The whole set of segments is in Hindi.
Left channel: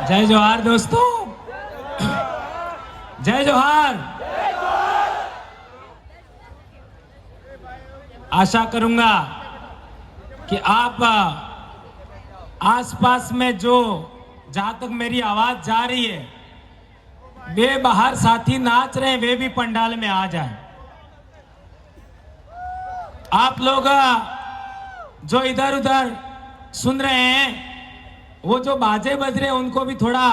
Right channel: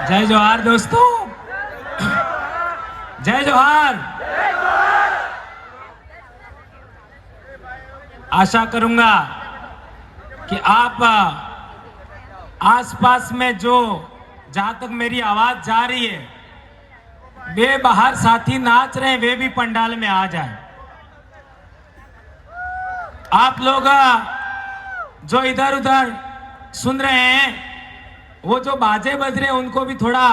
जय जोहार दोस्तों, जय जोहार। आशा करूंगा कि आप आसपास में जो जहां तक मेरी आवाज जा रही है, वे बाहर साथी नाच रहे हैं, वे भी पंडाल में आ जाएं। आप लोग जो इधर उधर सुन रहे हैं, वो जो बाजे बज रहे हैं उनको भी थोड़ा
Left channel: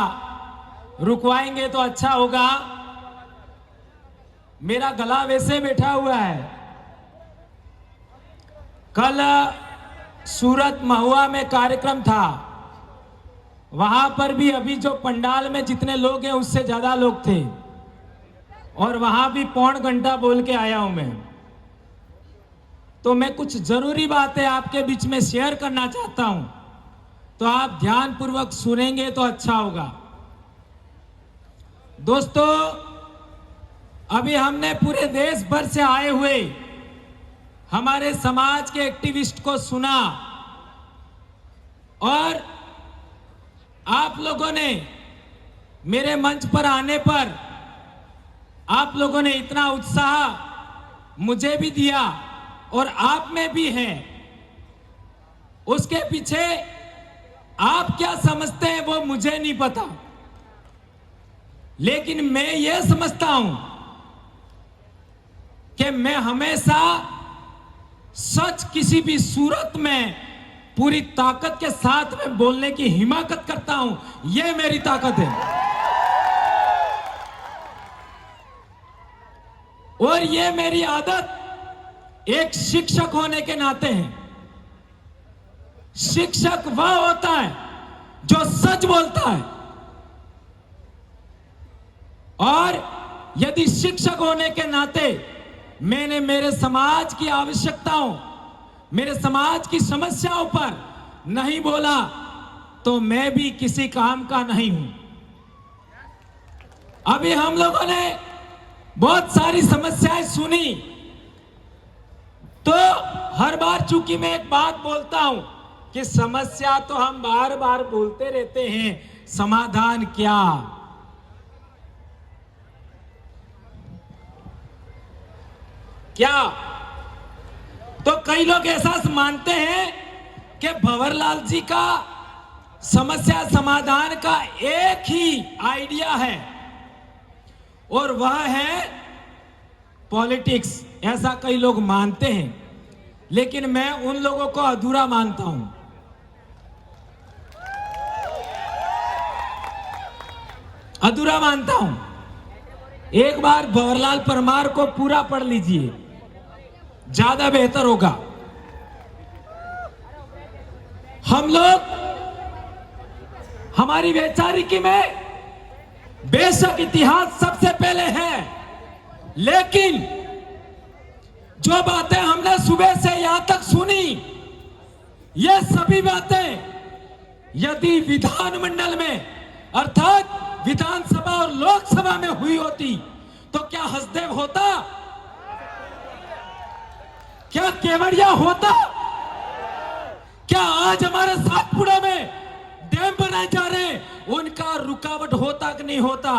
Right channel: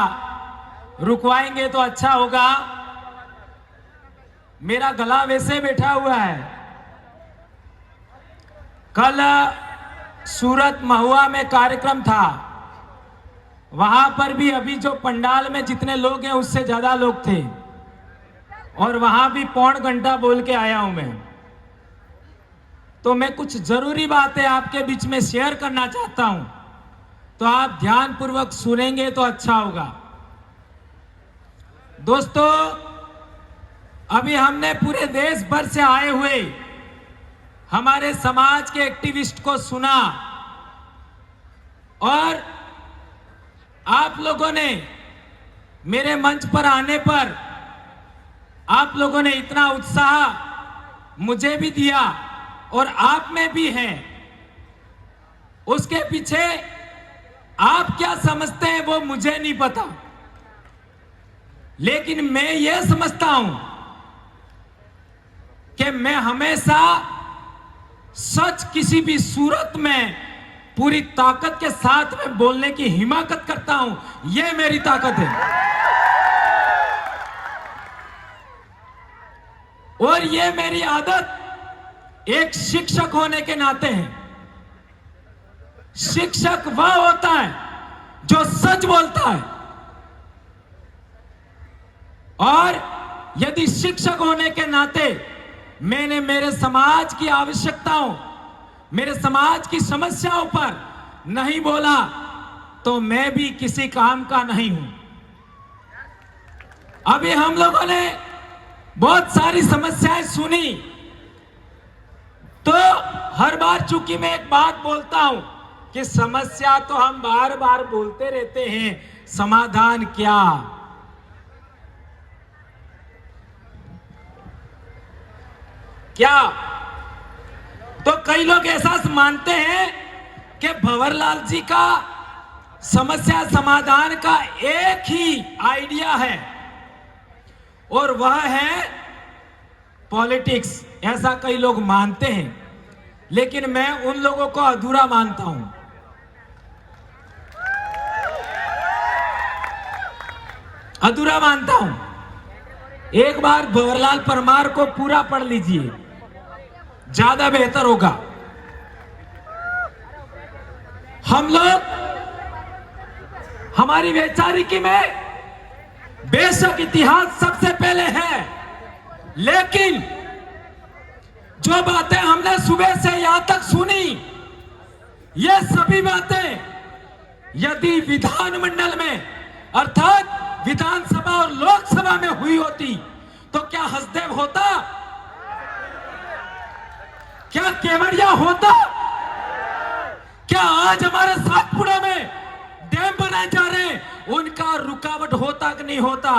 रुकवाएंगे तो अच्छा होगा। मेरा गला वैसे बैठा हुआ है। कल सूरत महुआ में कार्यक्रम था, वहां पर भी अभी जो पंडाल में जितने लोग हैं उससे ज्यादा लोग थे, और वहां भी पौन घंटा बोल के आया हूं मैं। तो मैं कुछ जरूरी बातें आपके बीच में शेयर करना चाहता हूं, तो आप ध्यानपूर्वक सुनेंगे तो अच्छा होगा। दोस्तों, अभी हमने पूरे देश भर से आए हुए हमारे समाज के एक्टिविस्ट को सुना, और आप लोगों ने मेरे मंच पर आने पर आप लोगों ने इतना उत्साह मुझे भी दिया और आप में भी है। उसके पीछे आप क्या समझते हैं वो मुझे नहीं पता, लेकिन मैं ये समझता हूं कि मैं हमेशा सच किसी भी सूरत में पूरी ताकत के साथ में बोलने की हिम्मत करता हूं। यह मेरी ताकत है, और यह मेरी आदत एक शिक्षक होने के नाते है। शिक्षक वह होता है जो सच बोलता है, और यदि शिक्षक होने के नाते मैंने मेरे समाज की आवश्यकताओं, मेरे समाज की समस्याओं पर नहीं बोला तो मैं भी किसी काम का नहीं हूं। अभी हम लोगों ने बहुत सारी समस्याएं सुनी, तो हर बार चूंकि मैं एक बात बोलता हूं कि समस्या तो हम बार बार बोलते रहते हैं, समाधान क्या? क्या? तो कई लोग ऐसा मानते हैं कि भंवरलाल जी का समस्या समाधान का एक ही आइडिया है, और वह है पॉलिटिक्स। ऐसा कई लोग मानते हैं, लेकिन मैं उन लोगों को अधूरा मानता हूं। अधूरा मानता हूं। एक बार भंवरलाल परमार को पूरा पढ़ लीजिए, ज्यादा बेहतर होगा। हम लोग हमारी वैचारिकी में बेशक इतिहास सबसे पहले है, लेकिन जो बातें हमने सुबह से यहां तक सुनी, ये सभी बातें यदि विधानमंडल में अर्थात विधानसभा और लोकसभा में हुई होती तो क्या हसदेव होता? क्या केवड़िया होता? क्या आज हमारे सातपुड़ा में डैम बनाए जा रहे हैं, उनका रुकावट होता कि नहीं होता?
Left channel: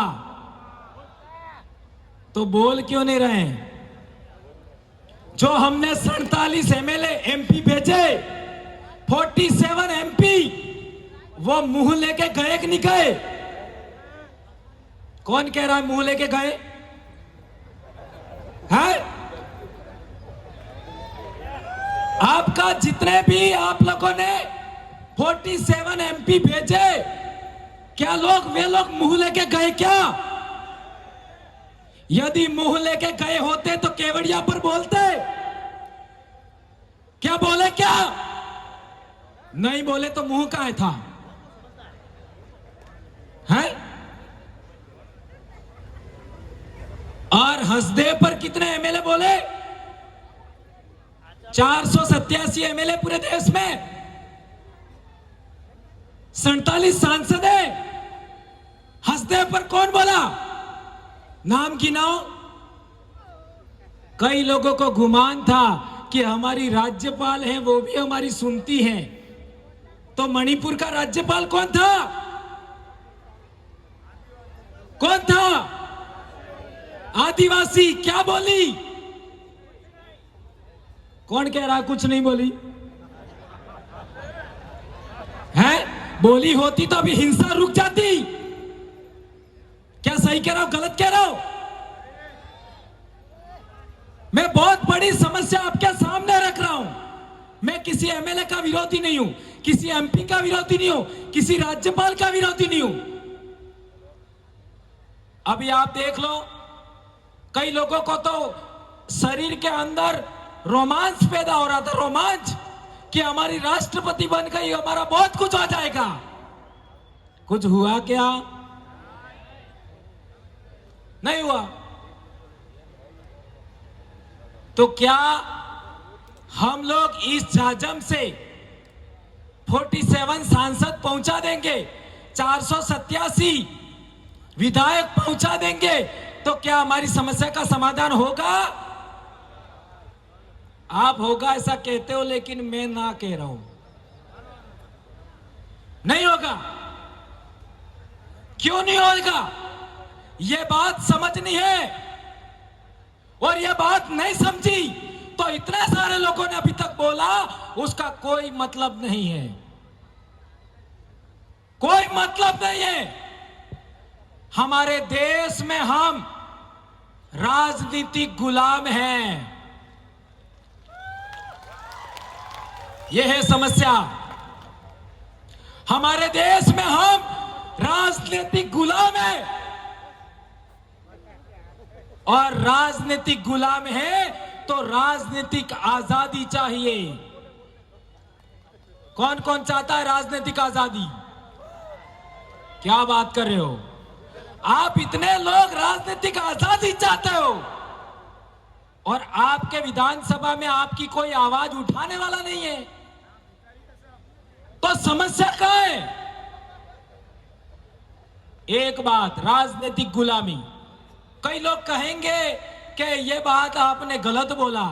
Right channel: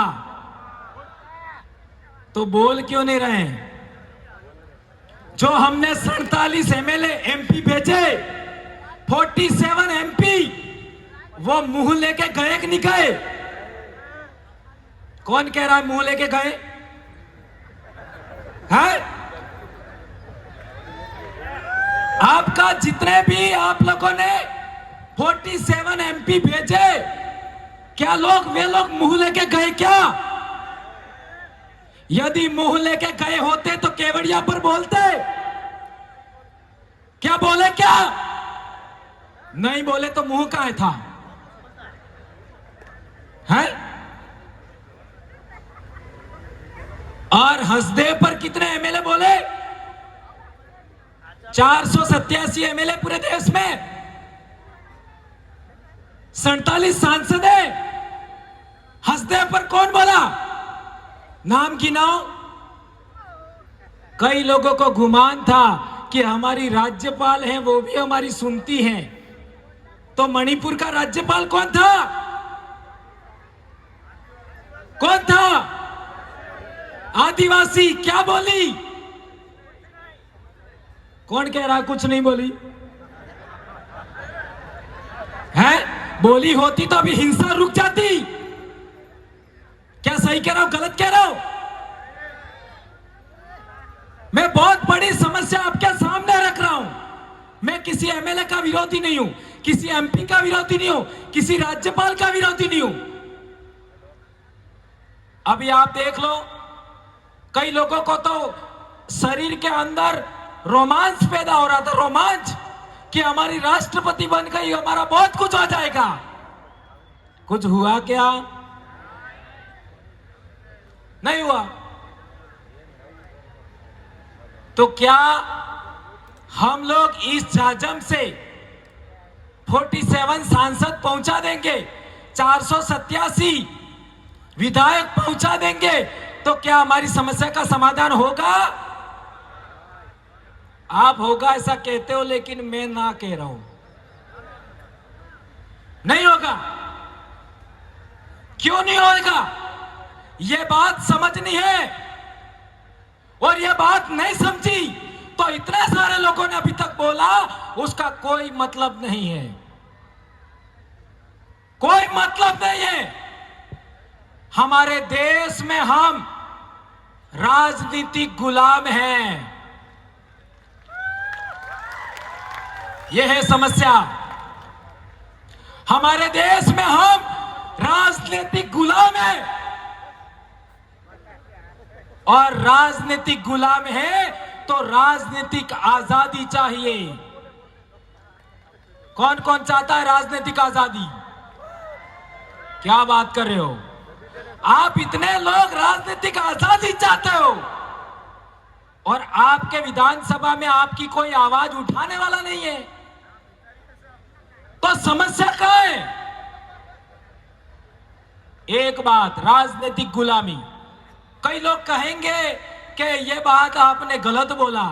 तो बोल क्यों नहीं रहे? जो हमने 47 एमएलए एमपी भेजे, 47 एमपी, वो मुंह लेके गए कि नहीं गए? कौन कह रहा है मुंह लेके गए हैं? आपका जितने भी आप लोगों ने 47 एमपी भेजे, क्या वे लोग मुंह लेके गए क्या? यदि मुंह लेके गए होते तो केवड़िया पर बोलते। क्या बोले? क्या नहीं बोले तो मुंह कहां था? है? और हसदेव पर कितने एमएलए बोले? 487 एमएलए पूरे देश में, 47 सांसद है। हसदेव पर कौन बोला? नाम गिनाओ। कई लोगों को गुमान था कि हमारी राज्यपाल है, वो भी हमारी सुनती हैं। तो मणिपुर का राज्यपाल कौन था? कौन था? आदिवासी। क्या बोली? कौन कह रहा कुछ नहीं बोली है? बोली होती तो अभी हिंसा रुक जाती। क्या सही कह रहा हूं, गलत कह रहा हूं? मैं बहुत बड़ी समस्या आपके सामने रख रहा हूं। मैं किसी एमएलए का विरोधी नहीं हूं, किसी एमपी का विरोधी नहीं हूं, किसी राज्यपाल का विरोधी नहीं हूं। अभी आप देख लो, कई लोगों को तो शरीर के अंदर रोमांच पैदा हो रहा था, रोमांच, कि हमारी राष्ट्रपति बन गई, हमारा बहुत कुछ हो जाएगा। कुछ हुआ क्या? नहीं हुआ। तो क्या हम लोग इस जाजम से 47 सांसद पहुंचा देंगे, 487 विधायक पहुंचा देंगे, तो क्या हमारी समस्या का समाधान होगा? आप होगा ऐसा कहते हो, लेकिन मैं ना कह रहा हूं, नहीं होगा। क्यों नहीं होगा? यह बात समझनी है, और यह बात नहीं समझी तो इतने सारे लोगों ने अभी तक बोला, उसका कोई मतलब नहीं है, कोई मतलब नहीं है। हमारे देश में हम राजनीतिक गुलाम हैं, यह है समस्या। हमारे देश में हम राजनीतिक गुलाम हैं, और राजनीतिक गुलाम है तो राजनीतिक आजादी चाहिए। कौन कौन चाहता है राजनीतिक आजादी? क्या बात कर रहे हो आप? इतने लोग राजनीतिक आजादी चाहते हो, और आपके विधानसभा में आपकी कोई आवाज उठाने वाला नहीं है, तो समस्या कहां है? एक बात, राजनीतिक गुलामी। कई लोग कहेंगे कि यह बात आपने गलत बोला,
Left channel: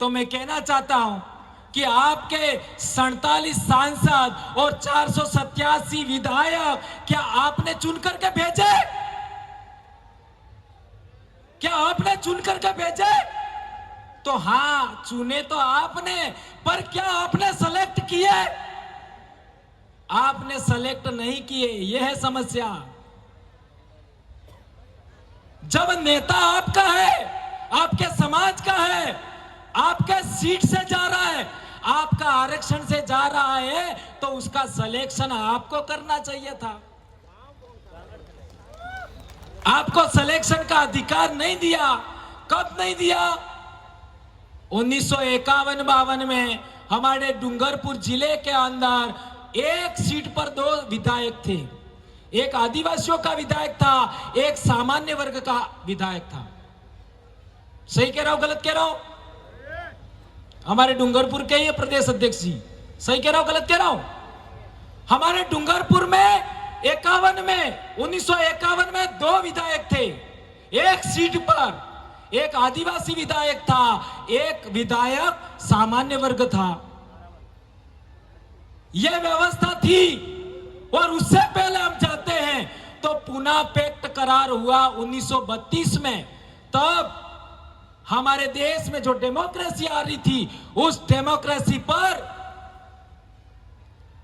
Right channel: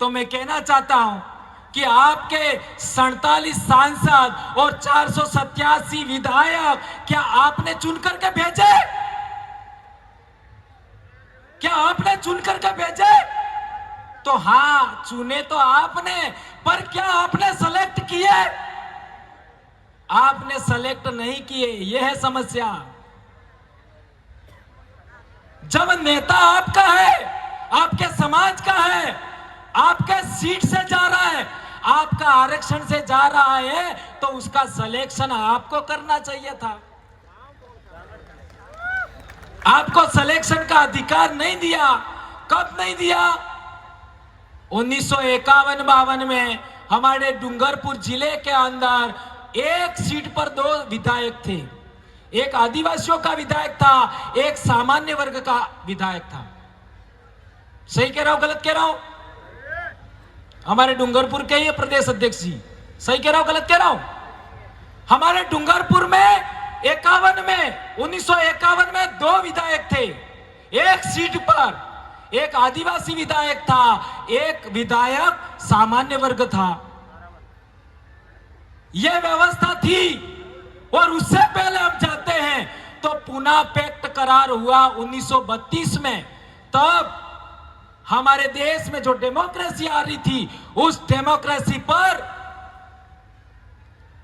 तो मैं कहना चाहता हूं कि आपके 47 सांसद और 487 विधायक क्या आपने चुन करके भेजे? क्या आपने चुन करके भेजे? तो हां, चुने तो आपने, पर क्या आपने सेलेक्ट किए? आपने सेलेक्ट नहीं किए, यह है समस्या। जब नेता आपका है, आपके समाज का है, आपके सीट से जा रहा है, आपका आरक्षण से जा रहा है, तो उसका सिलेक्शन आपको करना चाहिए था। आपको सिलेक्शन का अधिकार नहीं दिया। कब नहीं दिया? 1951-52 में हमारे डूंगरपुर जिले के अंदर एक सीट पर 2 विधायक थे। एक आदिवासियों का विधायक था, एक सामान्य वर्ग का विधायक था। सही कह रहा हूं, गलत कह रहा हूं? हमारे डूंगरपुर के ही प्रदेश अध्यक्ष जी, सही कह रहा हूं, गलत कह रहा हूं? हमारे डूंगरपुर में 1951 में 2 विधायक थे। एक सीट पर एक आदिवासी विधायक था, एक विधायक सामान्य वर्ग था। यह व्यवस्था थी। और उससे पहले हम जाते हैं तो पुना पैक्ट करार हुआ 1932 में। तब हमारे देश में जो डेमोक्रेसी आ रही थी, उस डेमोक्रेसी पर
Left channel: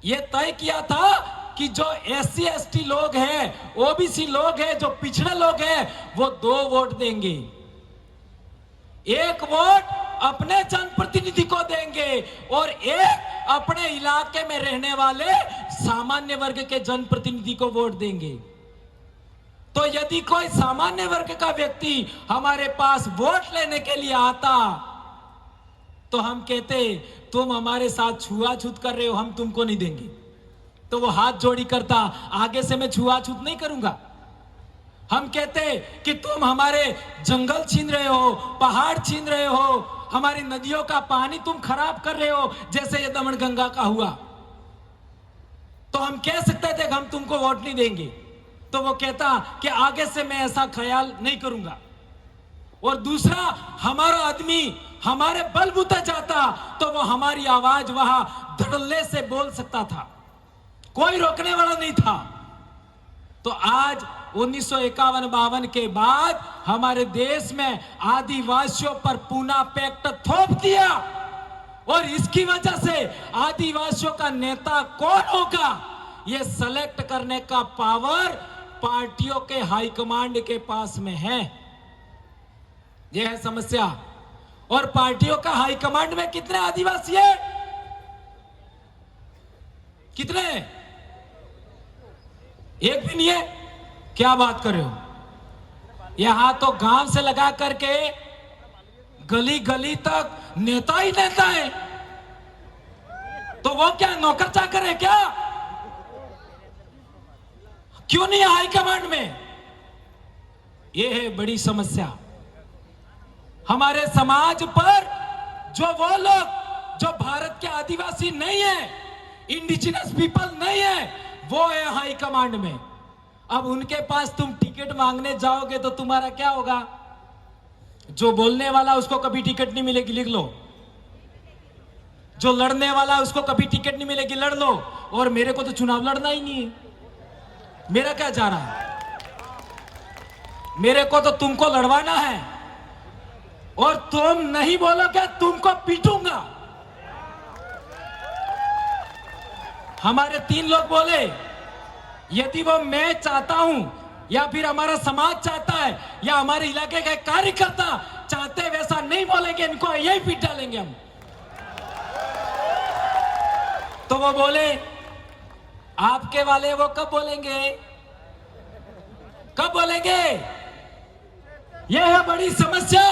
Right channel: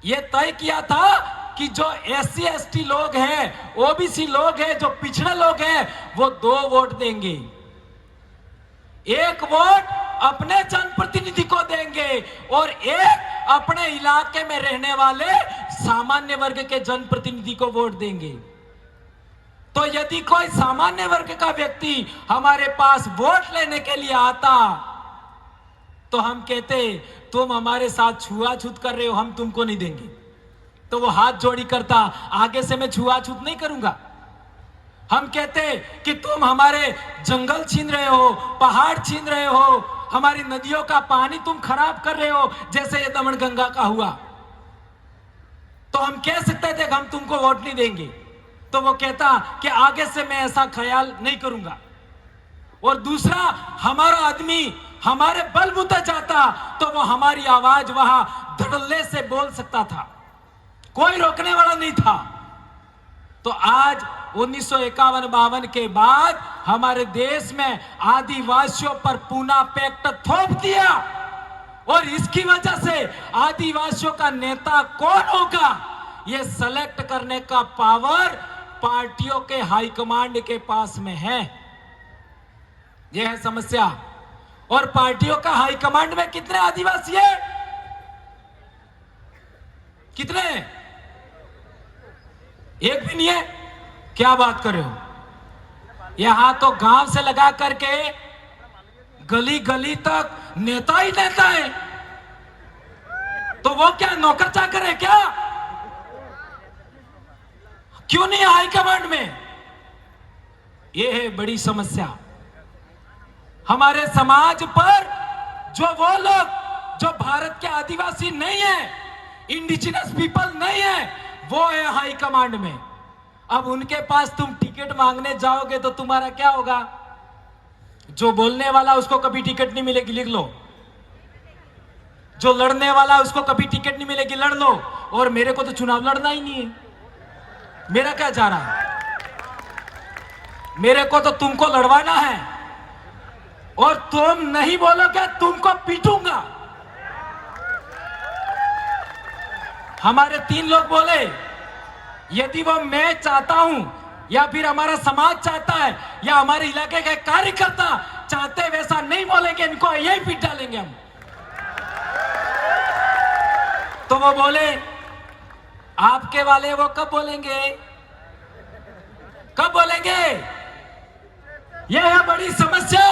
यह तय किया था कि जो एससी एसटी लोग हैं, ओबीसी लोग हैं, जो पिछड़े लोग हैं, वो 2 वोट देंगे। एक वोट अपने जनप्रतिनिधि को देंगे और एक अपने इलाके में रहने वाले सामान्य वर्ग के जनप्रतिनिधि को वोट देंगे। तो यदि कोई सामान्य वर्ग का व्यक्ति हमारे पास वोट लेने के लिए आता, तो हम कहते तुम हमारे साथ छुआछूत कर रहे हो, हम तुमको नहीं देंगे। तो वो हाथ जोड़ी करता, आगे से मैं छुआछूत नहीं करूंगा। हम कहते कि तुम हमारे जंगल छीन रहे हो, पहाड़ छीन रहे हो, हमारी नदियों का पानी तुम खराब कर रहे हो, जैसे ये दमनगंगा का हुआ। तो हम कह सकते थे कि हम तुमको वोट नहीं देंगे। तो वो कहता कि आगे से मैं ऐसा ख्याल नहीं करूंगा। और दूसरा, हमारा आदमी हमारे बलबूते जाता तो वो हमारी आवाज वहां धड़ल्ले से बोल सकता था, कोई रोकने वाला नहीं था। तो आज 1951-52 के बाद हमारे देश में आदिवासियों पर पूना पैक्ट थोप दिया, और इसकी वजह से आदिवासियों का नेता कौन होगा ये सेलेक्ट करने का पावर पार्टियों के हाईकमांड के पास में है। यह है समस्या। और पार्टियों का हाईकमांड में कितने आदिवासी है? कितने? एक भी नहीं है। क्या बात कर रहे हो? यहां तो गांव से लगा करके गली गली तक नेता ही नेता है। तो वो क्या नौकर चाकर है क्या? क्यों नहीं हाई कमांड में? ये है बड़ी समस्या। हमारे समाज पर जो वो लोग जो भारत के आदिवासी नहीं है, इंडिजिनस पीपल नहीं है, वो है हाई कमांड में। अब उनके पास तुम टिकट मांगने जाओगे तो तुम्हारा क्या होगा? जो बोलने वाला उसको कभी टिकट नहीं मिलेगी, लिख लो। जो लड़ने वाला उसको कभी टिकट नहीं मिलेगी, लड़ लो। और मेरे को तो चुनाव लड़ना ही नहीं है। मेरा क्या जा रहा है? मेरे को तो तुमको लड़वाना है, और तुम नहीं बोलोगे तुमको पीटूंगा। हमारे 3 लोग बोले, यदि वो मैं चाहता हूं या फिर हमारा समाज चाहता है या हमारे इलाके के कार्यकर्ता चाहते वैसा नहीं बोलेंगे, इनको यही पीट डालेंगे हम। तो वो बोले, आपके वाले वो कब बोलेंगे? कब बोलेंगे? यह है बड़ी समस्या।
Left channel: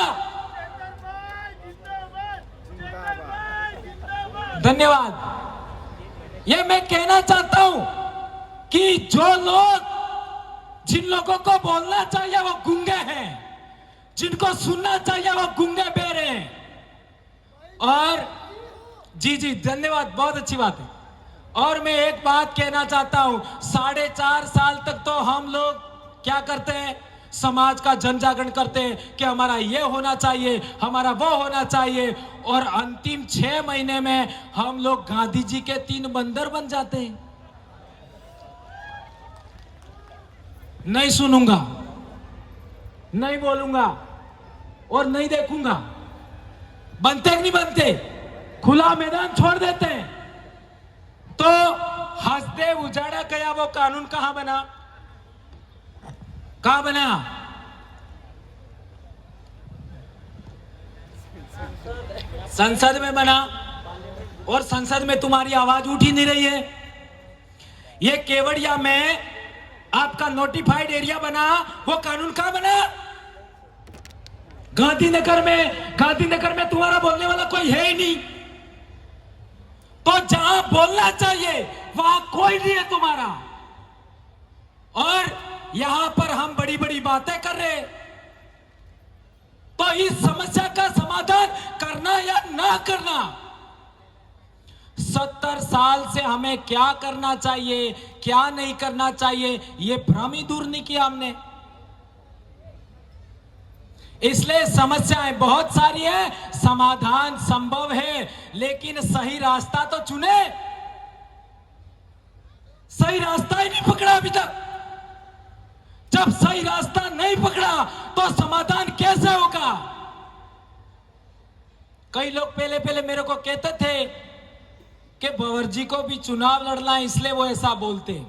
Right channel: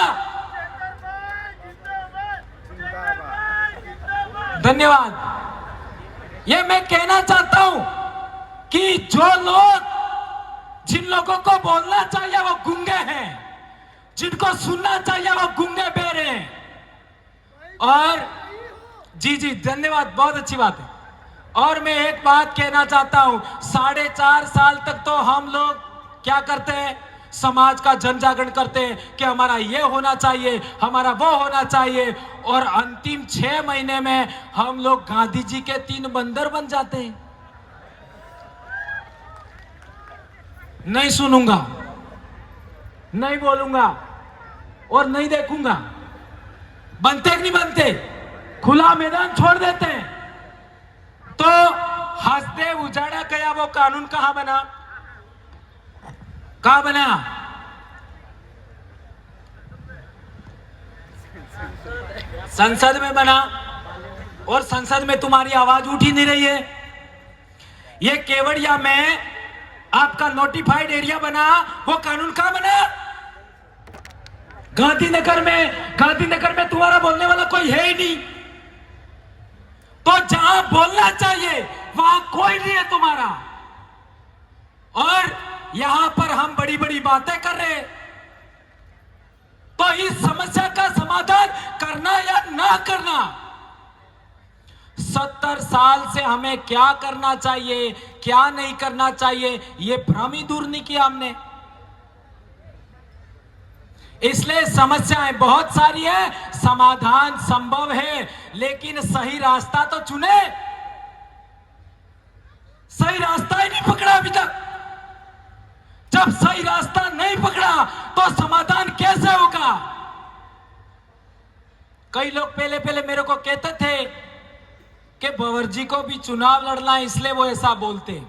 धन्यवाद। यह मैं कहना चाहता हूं कि जो लोग, जिन लोगों को बोलना चाहिए वो गूंगे हैं, जिनको सुनना चाहिए वो गूंगे बेरे हैं। और जी धन्यवाद, बहुत अच्छी बात है। और मैं एक बात कहना चाहता हूं, 4.5 साल तक तो हम लोग क्या करते हैं? समाज का जन जागरण करते हैं कि हमारा ये होना चाहिए, हमारा वो होना चाहिए, और अंतिम 6 महीने में हम लोग गांधी जी के 3 बंदर बन जाते हैं। नहीं सुनूंगा, नहीं बोलूंगा और नहीं देखूंगा। बनते कि नहीं बनते? खुला मैदान छोड़ देते हैं। तो हंसदेव उजाड़ा गया वो कानून कहां बना? कहां बना? संसद में बना, और संसद में तुम्हारी आवाज उठ ही नहीं रही है। ये केवड़िया में आपका नोटिफाइड एरिया बना, वो कानून कहां बना? गांधीनगर में तुम्हारा बोलने वाला कोई है ही नहीं। तो जहां बोलना चाहिए वहां कोई नहीं है तुम्हारा, और यहां पर हम बड़ी बड़ी बातें कर रहे हैं। तो इस समस्या का समाधान करना या ना करना, 70 साल से हमें क्या करना चाहिए, क्या नहीं करना चाहिए, ये भ्रम ही दूर नहीं किया हमने। इसलिए समस्याएं बहुत सारी हैं, समाधान संभव है, लेकिन सही रास्ता तो चुने। सही रास्ता ही नहीं पकड़ा अभी तक। जब सही रास्ता नहीं पकड़ा तो समाधान कैसे होगा? कई लोग पहले मेरे को कहते थे कि भंवर जी को भी चुनाव लड़ना है, इसलिए वो ऐसा बोलते।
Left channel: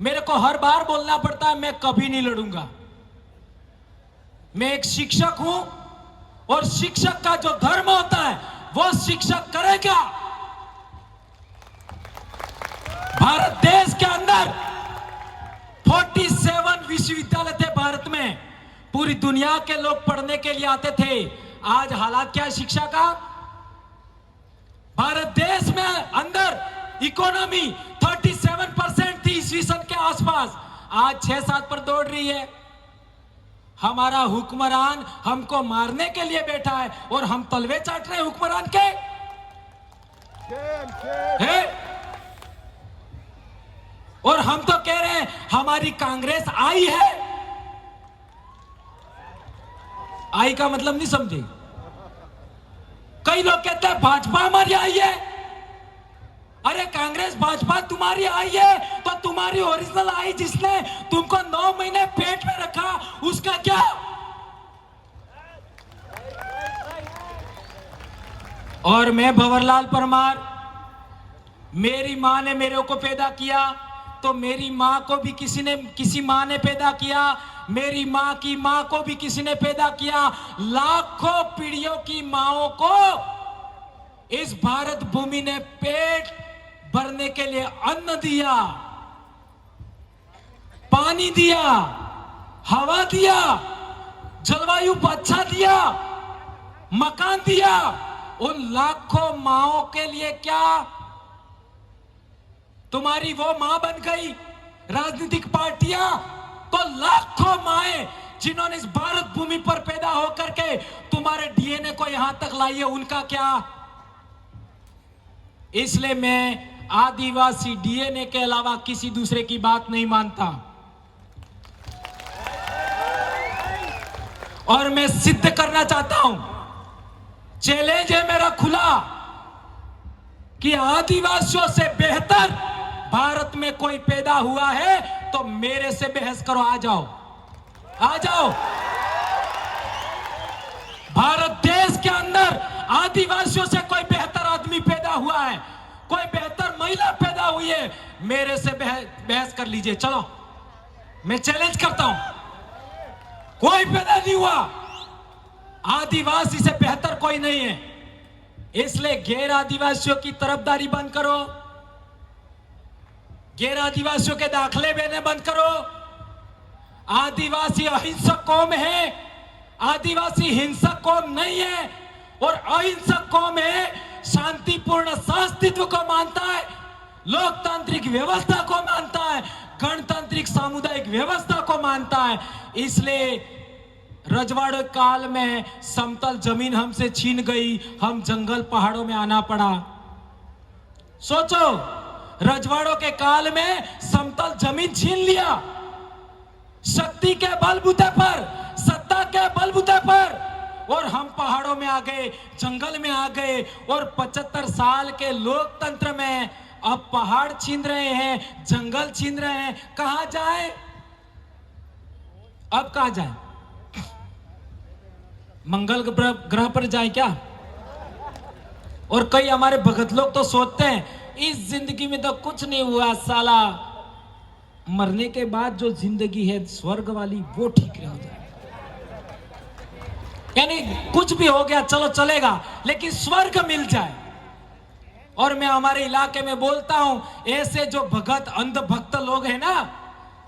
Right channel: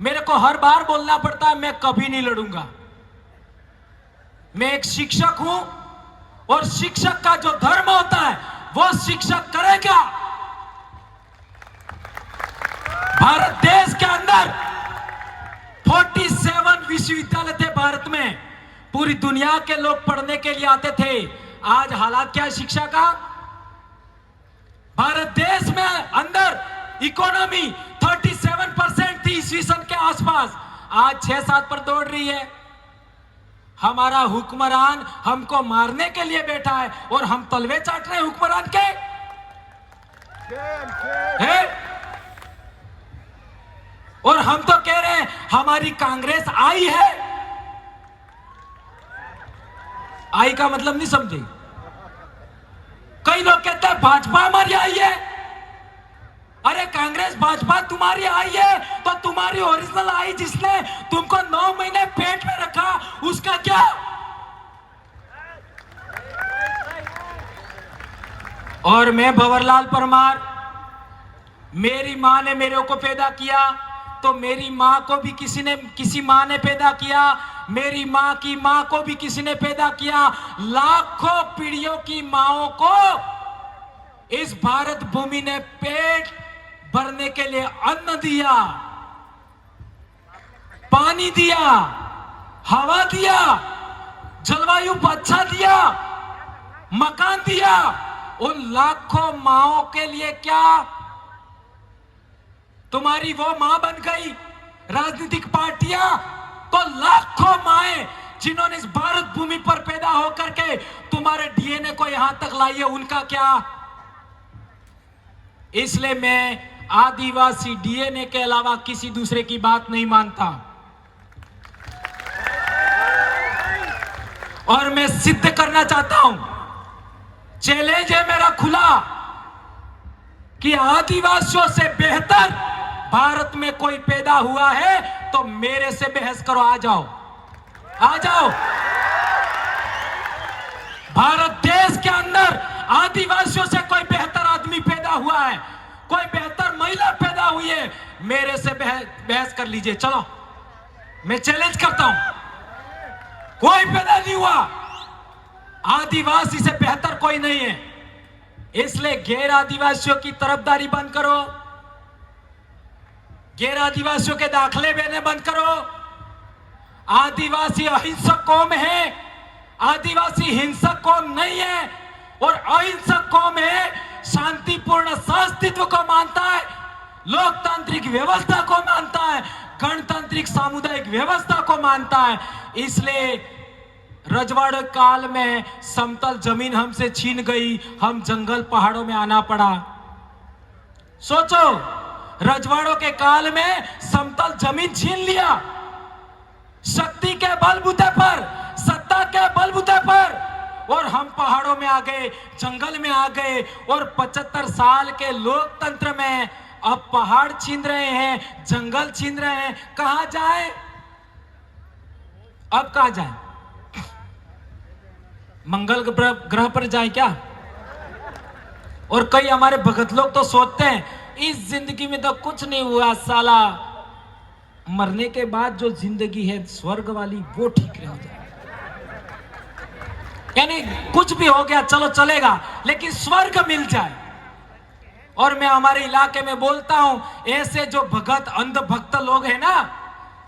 मेरे को हर बार बोलना पड़ता है, मैं कभी नहीं लड़ूंगा। मैं एक शिक्षक हूं, और शिक्षक का जो धर्म होता है वो शिक्षक करेगा। भारत देश के अंदर 47 विश्वविद्यालय थे भारत में, पूरी दुनिया के लोग पढ़ने के लिए आते थे। आज हालात क्या है शिक्षा का? भारत देश में अंदर इकोनॉमी 37% थी ईस्वी सन के आसपास, आज 6-7 पर दौड़ रही है। हमारा हुक्मरान हमको मारने के लिए बैठा है, और हम तलवे चाट रहे हैं हुक्मरान के। और हम तो कह रहे हैं हमारी कांग्रेस आई है। आई का मतलब नहीं समझे? कई लोग कहते हैं भाजपा हमारी आई है। अरे कांग्रेस भाजपा तुम्हारी आई है तो तुम्हारी ओरिजिनल आई जिसने तुमको 9 महीने पेट में रखा, उसका क्या? और मैं भंवरलाल परमार, मेरी मां ने मेरे को पैदा किया तो मेरी मां को भी किसी मां ने पैदा किया, मेरी मां की मां को भी किसी ने पैदा किया। लाखों पीढ़ियों की माओं को इस भारत भूमि ने पेट भरने के लिए अन्न दिया, पानी दिया, हवा दिया, जलवायु अच्छा दिया, मकान दिया। उन लाखों माओं के लिए क्या तुम्हारी वो मां बन गई राजनीतिक पार्टियां? तो लाखों माएं जिन्होंने इस भारत भूमि पर पैदा होकर के तुम्हारे डीएनए को यहां तक लाई है, उनका क्या? इसलिए मैं आदिवासी डीएनए के अलावा किसी दूसरे की बात नहीं मानता। और मैं सिद्ध करना चाहता हूं, चैलेंज है मेरा खुला, कि आदिवासियों से बेहतर भारत में कोई पैदा हुआ है तो मेरे से बहस करो। आ जाओ, आ जाओ। भारत देश के अंदर आदिवासियों से कोई बेहतर आदमी पैदा हुआ है, कोई बेहतर महिला पैदा हुई है, मेरे से बहस कर लीजिए। चलो, मैं चैलेंज करता हूं, कोई पैदा नहीं हुआ, आदिवासी से बेहतर कोई नहीं है। इसलिए गैर आदिवासियों की तरफदारी बंद करो, गैर आदिवासियों के दाखले देने बंद करो। आदिवासी अहिंसक कौम है, आदिवासी हिंसक कौम नहीं है। और अहिंसक कौम है, शांतिपूर्ण सहअस्तित्व को मानता है, लोकतांत्रिक व्यवस्था को मानता है, गणतांत्रिक सामुदायिक व्यवस्था को मानता है। इसलिए रजवाड़े काल में समतल जमीन हमसे छीन गई, हम जंगल पहाड़ों में आना पड़ा। सोचो, रजवाड़ों के काल में समतल जमीन छीन लिया, शक्ति के बलबूते पर, सत्ता के बलबूते पर, और हम पहाड़ों में आ गए, जंगल में आ गए। और 75 साल के लोकतंत्र में अब पहाड़ छीन रहे हैं, जंगल छीन रहे हैं। कहां जाए? अब कहां जाए? मंगल ग्रह पर जाए क्या? और कई हमारे भगत लोग तो सोचते हैं इस जिंदगी में तो कुछ नहीं हुआ साला, मरने के बाद जो जिंदगी है स्वर्ग वाली वो ठीक रह जाए। यानी कुछ भी हो गया चलो चलेगा, लेकिन स्वर्ग मिल जाए। और मैं हमारे इलाके में बोलता हूं, ऐसे जो भगत अंधभक्त लोग हैं ना,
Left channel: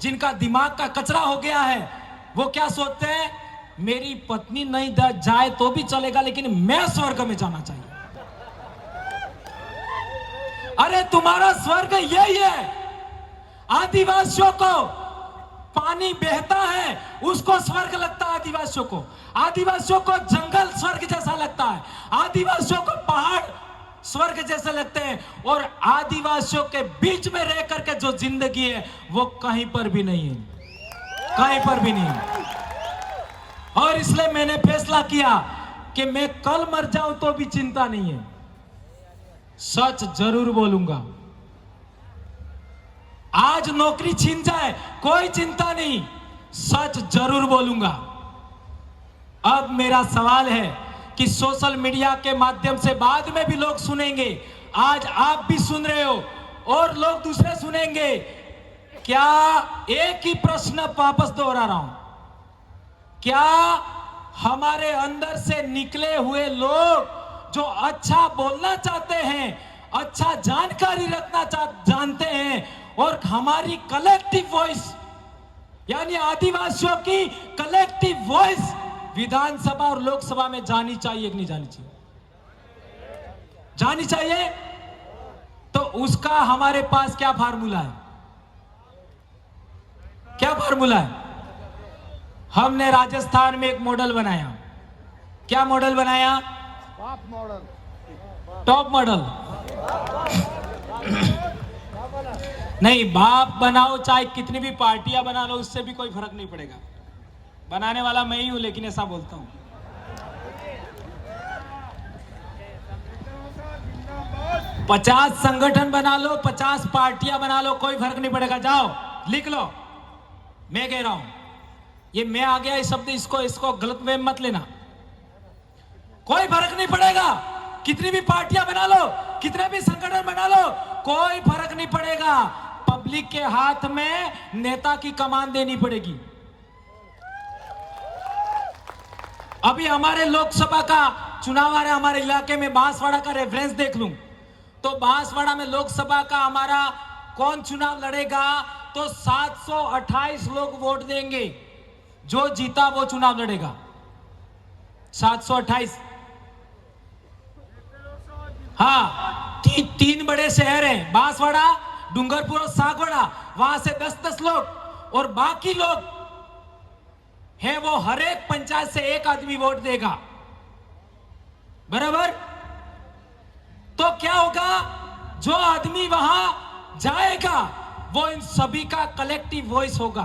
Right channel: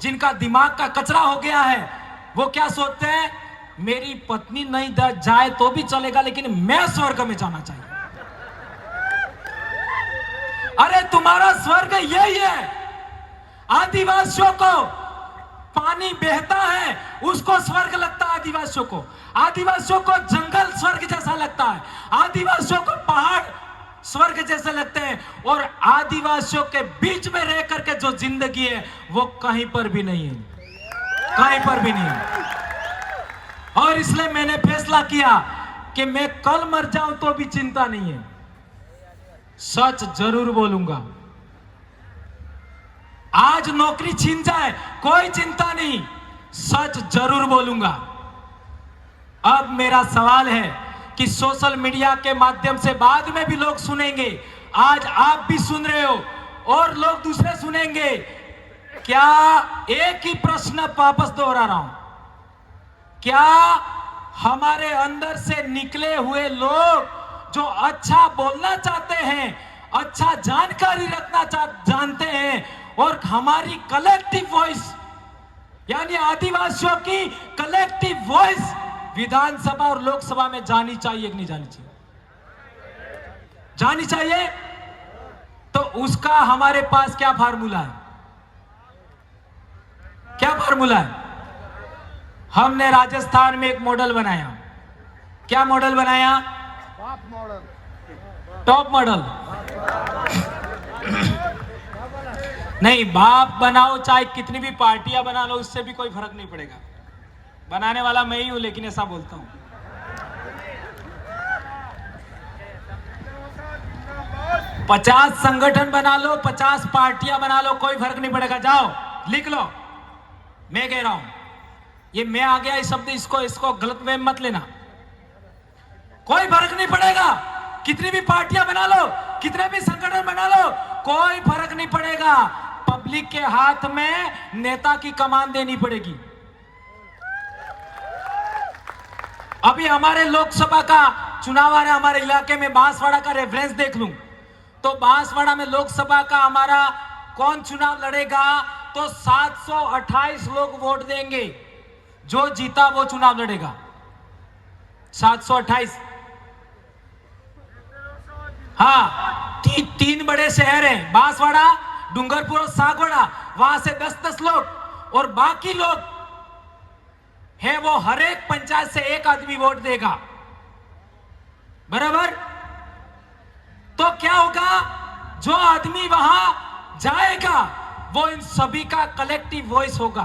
जिनका दिमाग का कचरा हो गया है, वो क्या सोचते हैं, मेरी पत्नी नहीं जाए तो भी चलेगा, लेकिन मैं स्वर्ग में जाना चाहिए। अरे तुम्हारा स्वर्ग यही है। आदिवासियों को पानी बहता है उसको स्वर्ग लगता है, आदिवासियों को। आदिवासियों को जंगल स्वर्ग जैसा लगता है, आदिवासियों को पहाड़ स्वर्ग जैसे लगते हैं। और आदिवासियों के बीच में रह करके जो जिंदगी है वो कहीं पर भी नहीं है, कहीं पर भी नहीं है। और इसलिए मैंने फैसला किया कि मैं कल मर जाऊं तो भी चिंता नहीं है, सच जरूर बोलूंगा। आज नौकरी छीन जाए कोई चिंता नहीं, सच जरूर बोलूंगा। अब मेरा सवाल है कि सोशल मीडिया के माध्यम से बाद में भी लोग सुनेंगे, आज आप भी सुन रहे हो और लोग दूसरे सुनेंगे। क्या एक ही प्रश्न वापस दोहरा रहा हूं, क्या हमारे अंदर से निकले हुए लोग जो अच्छा बोलना चाहते हैं, अच्छा जानकारी रखना जानते हैं, और हमारी कलेक्टिव वॉइस यानी आदिवासियों की कलेक्टिव वॉइस विधानसभा और लोकसभा में जानी चाहिए कि नहीं जानी चाहिए? जानी चाहिए। तो उसका हमारे पास क्या फार्मूला है? क्या फार्मूला है? हमने राजस्थान में एक मॉडल बनाया। क्या मॉडल बनाया? Top model. नहीं, बाप बनाओ चाहे कितनी भी पार्टियां बना लो, उससे भी कोई फर्क नहीं पड़ेगा। बनाने वाला मैं ही हूं, लेकिन ऐसा बोलता हूं। पचास संगठन बना लो, 50 पार्टियां बना लो, कोई फर्क नहीं पड़ेगा। जाओ लिख लो, मैं कह रहा हूं, ये मैं आ गया इस शब्द, इसको गलत वे मत लेना। कोई फर्क नहीं पड़ेगा, कितनी भी पार्टियां बना लो, कितने भी संगठन बना लो, कोई फर्क नहीं पड़ेगा। पब्लिक के हाथ में नेता की कमान देनी पड़ेगी। अभी हमारे लोकसभा का चुनाव आ रहा है, हमारे इलाके में बांसवाड़ा का रेफरेंस देख लूं तो बांसवाड़ा में लोकसभा का हमारा कौन चुनाव लड़ेगा, तो 728 लोग वोट देंगे। जो जीता वो चुनाव लड़ेगा, 728। हाँ, तीन बड़े शहर हैं, बांसवाड़ा, डूंगरपुर और सागवाड़ा, वहां से 10-10 लोग, और बाकी लोग है वो हर एक पंचायत से एक आदमी वोट देगा, बराबर। तो क्या होगा, जो आदमी वहां जाएगा वो इन सभी का कलेक्टिव वॉइस होगा।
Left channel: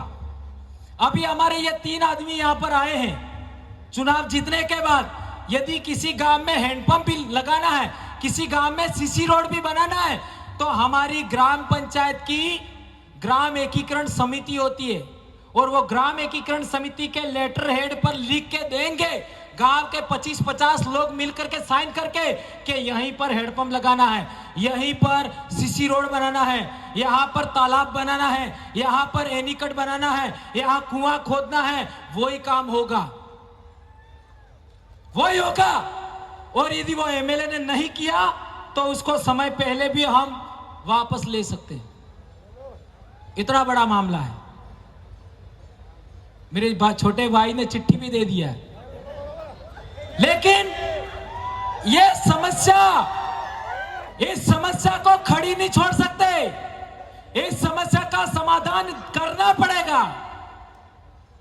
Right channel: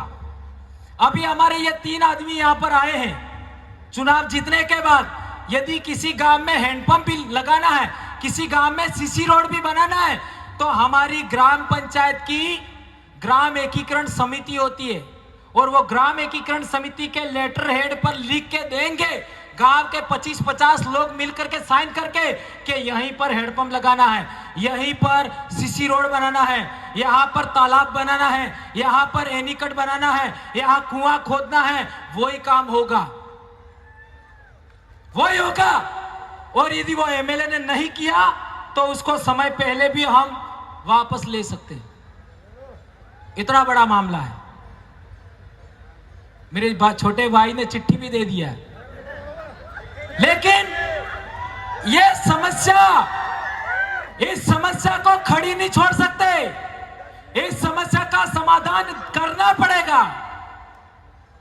अभी हमारे ये 3 आदमी यहां पर आए हैं, चुनाव जीतने के बाद यदि किसी गांव में हैंडपंप भी लगाना है, किसी गांव में सीसी रोड भी बनाना है, तो हमारी ग्राम पंचायत की ग्राम एकीकरण समिति होती है, और वो ग्राम एकीकरण समिति के लेटर हेड पर लिख के देंगे, गांव के 25-50 लोग मिलकर के साइन करके कि यहीं पर हैंडपंप लगाना है, यहीं पर सीसी रोड बनाना है, यहां पर तालाब बनाना है, यहां पर एनीकट बनाना है, यहां कुआं खोदना है। वही काम होगा, वही होगा। और यदि वो एमएलए ने नहीं किया तो उसको समय पहले भी हम वापस ले सकते हैं। इतना बड़ा मामला है। मेरे छोटे भाई ने चिट्ठी भी दे दिया है, लेकिन ये इस समस्या को खड़ी नहीं छोड़ सकते। इस समस्या का समाधान करना पड़ेगा,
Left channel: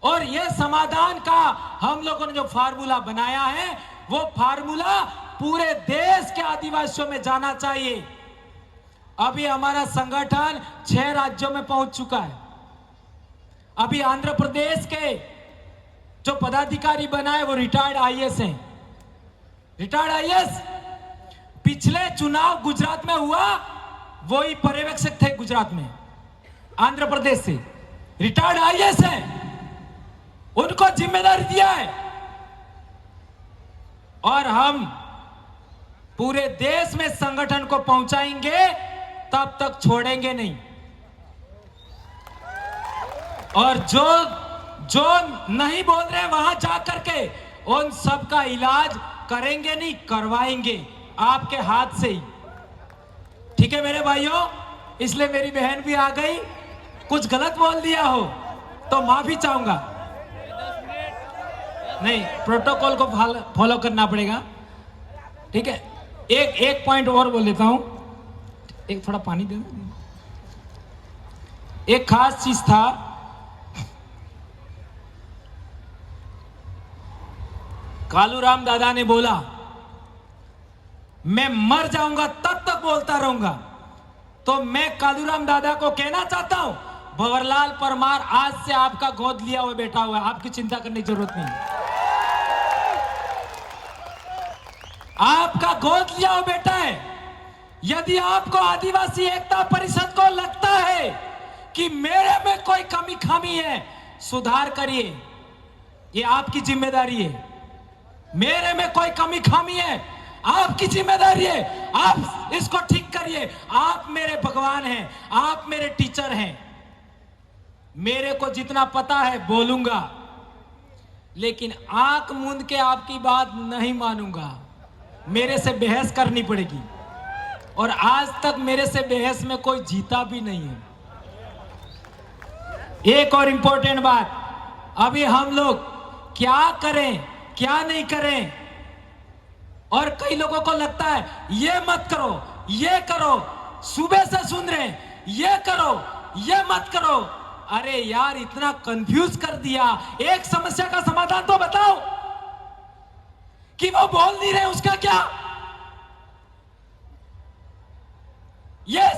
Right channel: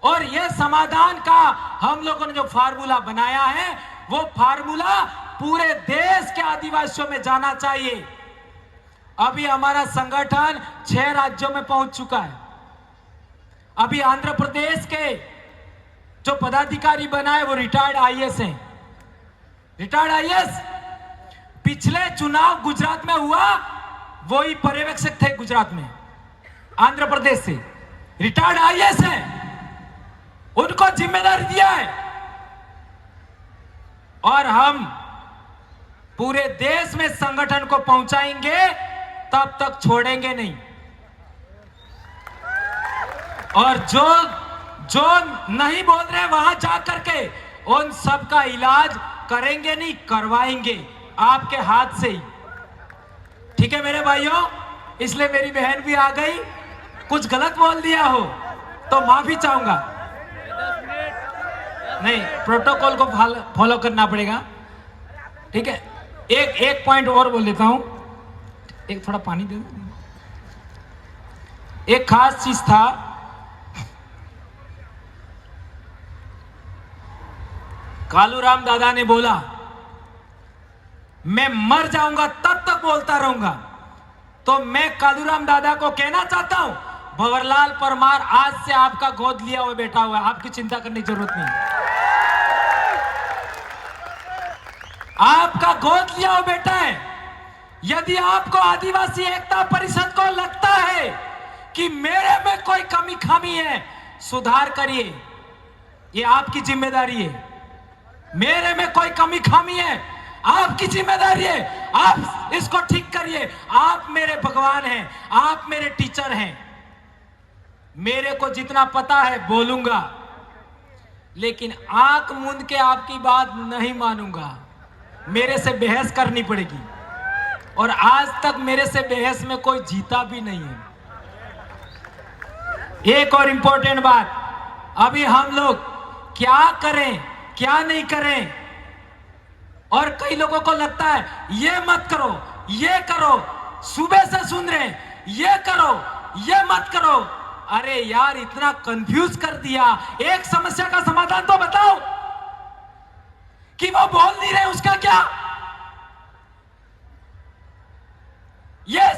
और ये समाधान का हम लोगों ने जो फार्मूला बनाया है, वो फार्मूला पूरे देश के आदिवासियों में जाना चाहिए। अभी हमारा संगठन 6 राज्यों में पहुंच चुका है। अभी आंध्र प्रदेश के जो पदाधिकारी बनाए वो रिटायर्ड आईएएस हैं। रिटायर्ड आईएएस, पिछले चुनाव गुजरात में हुआ, वही पर्यवेक्षक थे गुजरात में, आंध्र प्रदेश से रिटायर्ड आईएएस हैं, उनको जिम्मेदारी दिया है। और हम पूरे देश में संगठन को पहुंचाएंगे, तब तक छोड़ेंगे नहीं। और जो नहीं बोल रहे वहां जाकर के उन सब का इलाज करेंगे नहीं, करवाएंगे आपके हाथ से ही। ठीक है मेरे भाइयों, इसलिए मेरी बहन भी आ गई, कुछ गलत बोल दिया हो तो माफी चाहूंगा। नहीं, प्रोटोकॉल को फॉलो करना पड़ेगा, ठीक है। एक पॉइंट और बोल देता हूं, एक थोड़ा पानी दे दो। एक खास चीज था, कालूराम दादा ने बोला मैं मर जाऊंगा तब तक बोलता रहूंगा। तो मैं कालूराम दादा को कहना चाहता हूं, भंवरलाल परमार आज से आपका गोद लिया हुआ बैठा हुआ है, आपकी चिंता करने की जरूरत नहीं। आपका गोद लिया हुआ बेटा है। यदि आपको आदिवासी एकता परिषद को लगता है कि मेरे में कोई कमी खामी है, सुधार करिए, ये आपकी जिम्मेदारी है। मेरे में कोई कमी खामी है, आपकी जिम्मेदारी है, आप इसको ठीक करिए। आप मेरे भगवान हैं, आप मेरे टीचर हैं। मेरे को जितना पता है बोलूंगा, लेकिन आंख मूंद के आपकी बात नहीं मानूंगा। मेरे से बहस करनी पड़ेगी, और आज तक मेरे से बहस में कोई जीता भी नहीं है। एक और इंपॉर्टेंट बात, अभी हम लोग क्या करें क्या नहीं करें, और कई लोगों को लगता है ये मत करो, ये करो, सुबह से सुन रहे हैं ये करो, ये मत करो। अरे यार, इतना कंफ्यूज कर दिया। एक समस्या का समाधान तो बताओ, कि वो बोल नहीं रहे उसका क्या? ये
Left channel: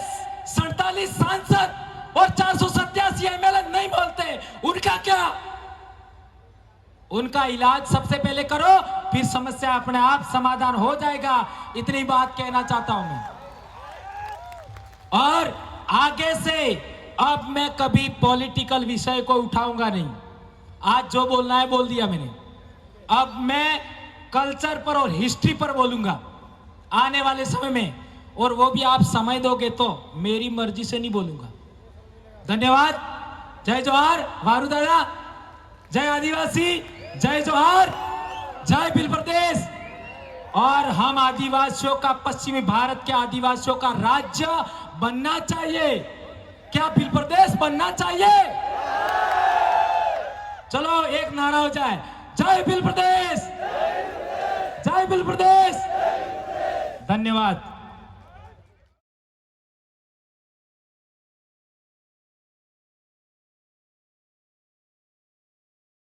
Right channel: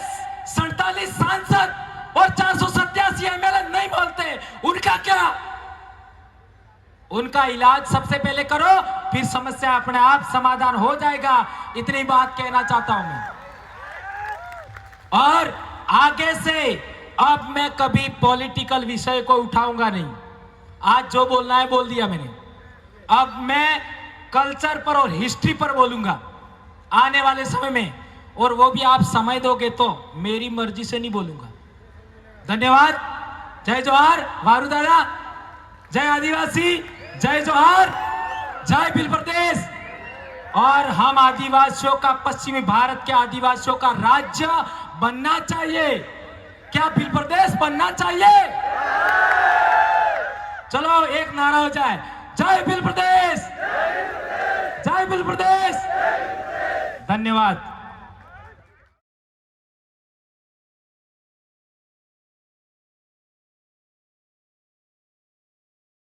47 सांसद और 487 एमएलए नहीं बोलते, उनका क्या? उनका इलाज सबसे पहले करो, फिर समस्या अपने आप समाधान हो जाएगा। इतनी बात कहना चाहता हूं मैं। और आगे से अब मैं कभी पॉलिटिकल विषय को उठाऊंगा नहीं। आज जो बोलना है बोल दिया मैंने। अब मैं कल्चर पर और हिस्ट्री पर बोलूंगा आने वाले समय में, और वो भी आप समय दोगे तो, मेरी मर्जी से नहीं बोलूंगा। धन्यवाद। जय जोहार वारू दादा, जय आदिवासी, जय जोहार, जय भील प्रदेश। और हम आदिवासियों का, पश्चिमी भारत के आदिवासियों का राज्य बनना चाहिए। क्या भील प्रदेश बनना चाहिए? चलो एक नारा हो जाए, जय भील प्रदेश, जय भील प्रदेश। धन्यवाद।